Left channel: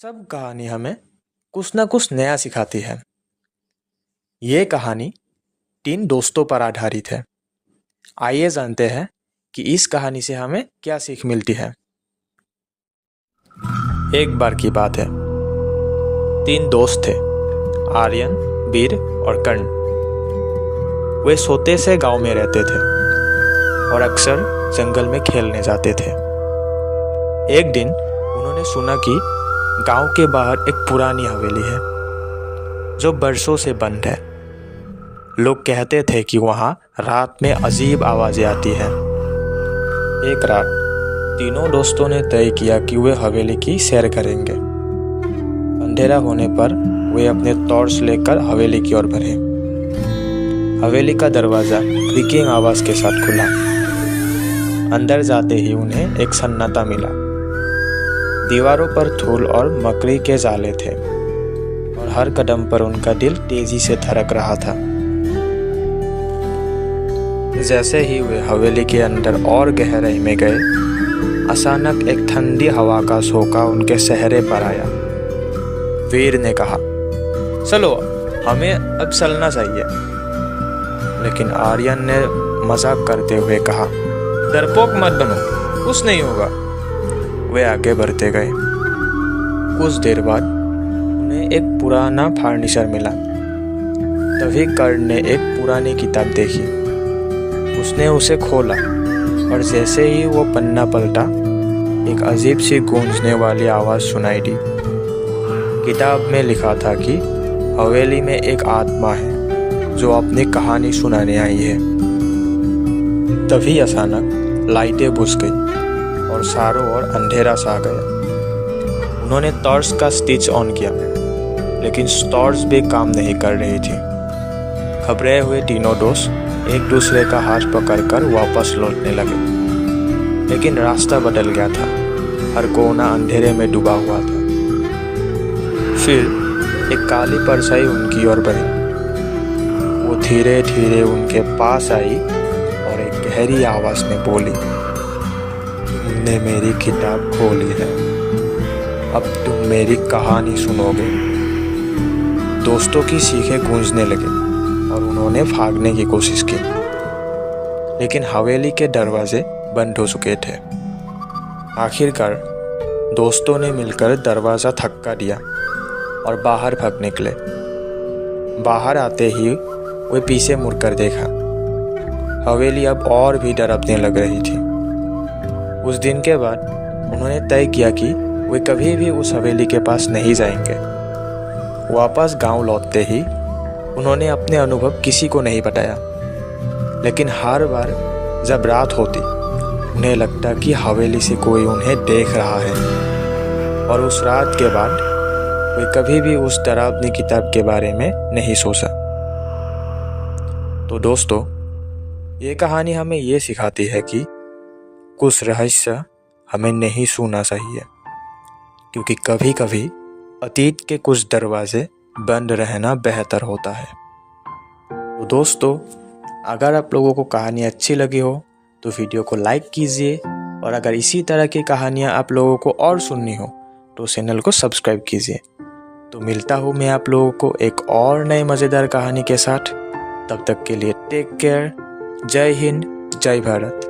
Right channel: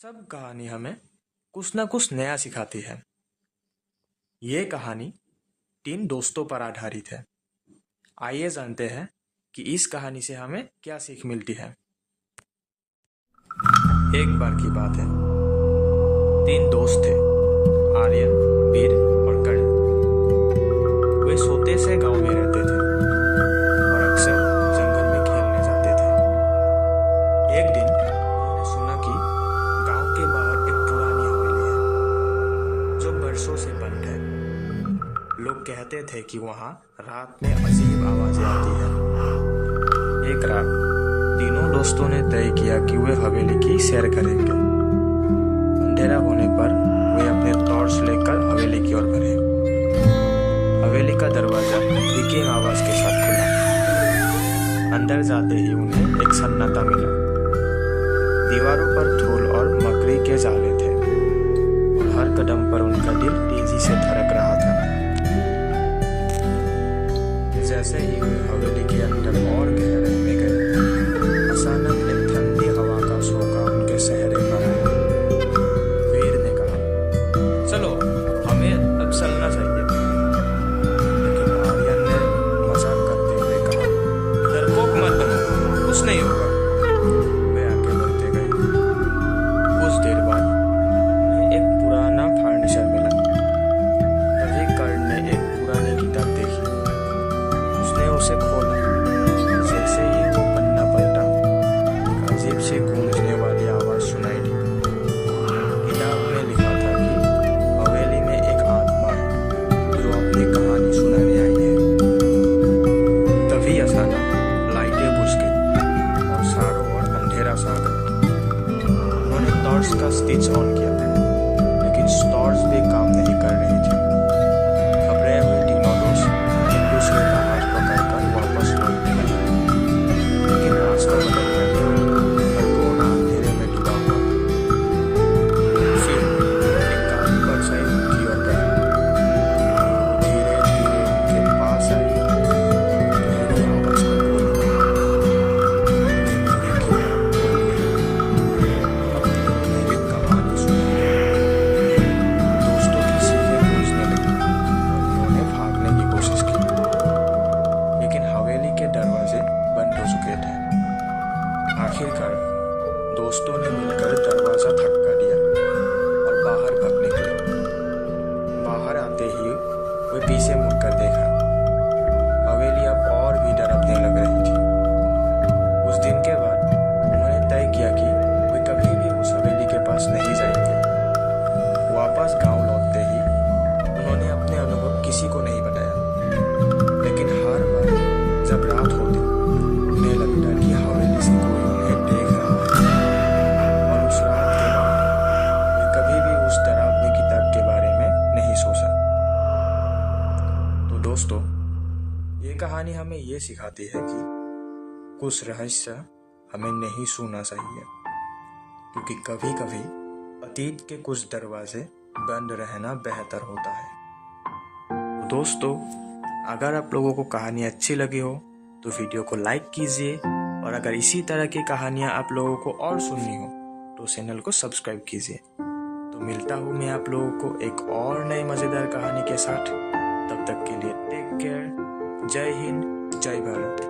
सब कहानी हमें कुछ ना कुछ नया सिखाती है। ये कहानी 3 दोस्तों पर आधारित है। आइए जानते हैं कि इस कहानी से हमें क्या सीख मिलती है। एक बार की बात है, 3 दोस्त थे, आर्यन, वीर और कर्ण। वे छोटे से गांव में रहते थे और अक्सर जंगल में खेलने जाते थे। एक दिन उन्होंने सुना कि गांव के बाहर एक पुरानी हवेली है जो बरसों से बंद है। लोग कहते थे कि वहां रात में अजीब आवाजें आती हैं। एक रात तीनों दोस्तों ने तय किया कि वे हवेली की सैर करेंगे। अंधेरा होने पर वे अपने टॉर्च लेकर हवेली की ओर बढ़े। हवेली का दरवाजा क्रीकिंग आवाज के साथ खुला। अंदर जाते ही उन्हें एक सन्नाटा मिला। दीवारों पर धूल और मकड़ी के जाले थे और हर कदम पर उनका दिल तेजी से धड़क रहा था। जैसे ही वे हवेली के अंदर और गहराई में गए, अचानक एक ठंडी हवा का झोंका उनके चेहरे पर आया। वीर ने कहा, चलो हमें अब चलना चाहिए। लेकिन आर्यन ने मजाक करते हुए कहा, डरपोक मत बनो, कुछ नहीं होगा। वे आगे बढ़ते गए। कुछ देर बाद उन्हें एक पुराना फर्नीचर मिला। तभी कर्ण ने एक पुरानी किताब देखी। उसने उसे खोला और जैसे ही वो पन्ना पलटा, एक अजीब सी गूंजने वाली आवाज सुनाई दी। किताब में लिखा था कि हवेली में एक आत्मा है जो अपनी कहानी सुनाने आई है। तभी अचानक लाइटें बुझ गई और चारों ओर अंधेरा छा गया। उन्होंने टॉर्च का स्विच ऑन किया, लेकिन टॉर्च भी काम नहीं कर रही थी। घबराए हुए तीनों दोस्त एक दूसरे का हाथ पकड़कर वापस लौटने लगे, लेकिन रास्ता बदल गया था। हर कोना अंधेरे में डूबा हुआ था। फिर एक काली परछाई उनकी ओर बढ़ी। वो धीरे धीरे उनके पास आई और एक गहरी आवाज में बोली, मेरी किताब खोली है, अब तुम मेरी कहानी सुनोगे। दोस्तों की चीखें गूंजने लगी और उन्होंने भागने की कोशिश की, लेकिन हवेली के दरवाजे बंद हो चुके थे। आखिरकार दोस्तों ने मिलकर दरवाजा धक्का दिया और बाहर भाग निकले। बाहर आते ही वे पीछे मुड़कर देखा। हवेली अब और भी डरावने लग रही थी। उस दिन के बाद उन्होंने तय किया कि वे कभी भी उस हवेली के पास नहीं जाएंगे। वापस गांव लौटते ही उन्होंने अपने अनुभव किसी को नहीं बताया, लेकिन हर बार जब रात होती उन्हें लगता कि हवेली से कोई उन्हें देख रहा है। और उस रात के बाद वे कभी भी उस डरावनी किताब के बारे में नहीं सोचा। तो दोस्तों, ये कहानी हमें ये सिखाती है कि कुछ रहस्य हमें नहीं सुनना चाहिए, क्योंकि कभी कभी अतीत के कुछ दरवाजे बंद रहना बेहतर होता है। तो दोस्तों, अगर आप लोगों को कहानी अच्छी लगी हो तो वीडियो को लाइक कीजिए, और अगर इसी तरह की कहानियाँ आप लोगों को और सुननी हो तो चैनल को सब्सक्राइब कीजिए। तो मिलता हूँ मैं आप लोगों को एक और नई मज़ेदार कहानी के साथ। तब तक के लिए टेक केयर। जय हिंद, जय भारत।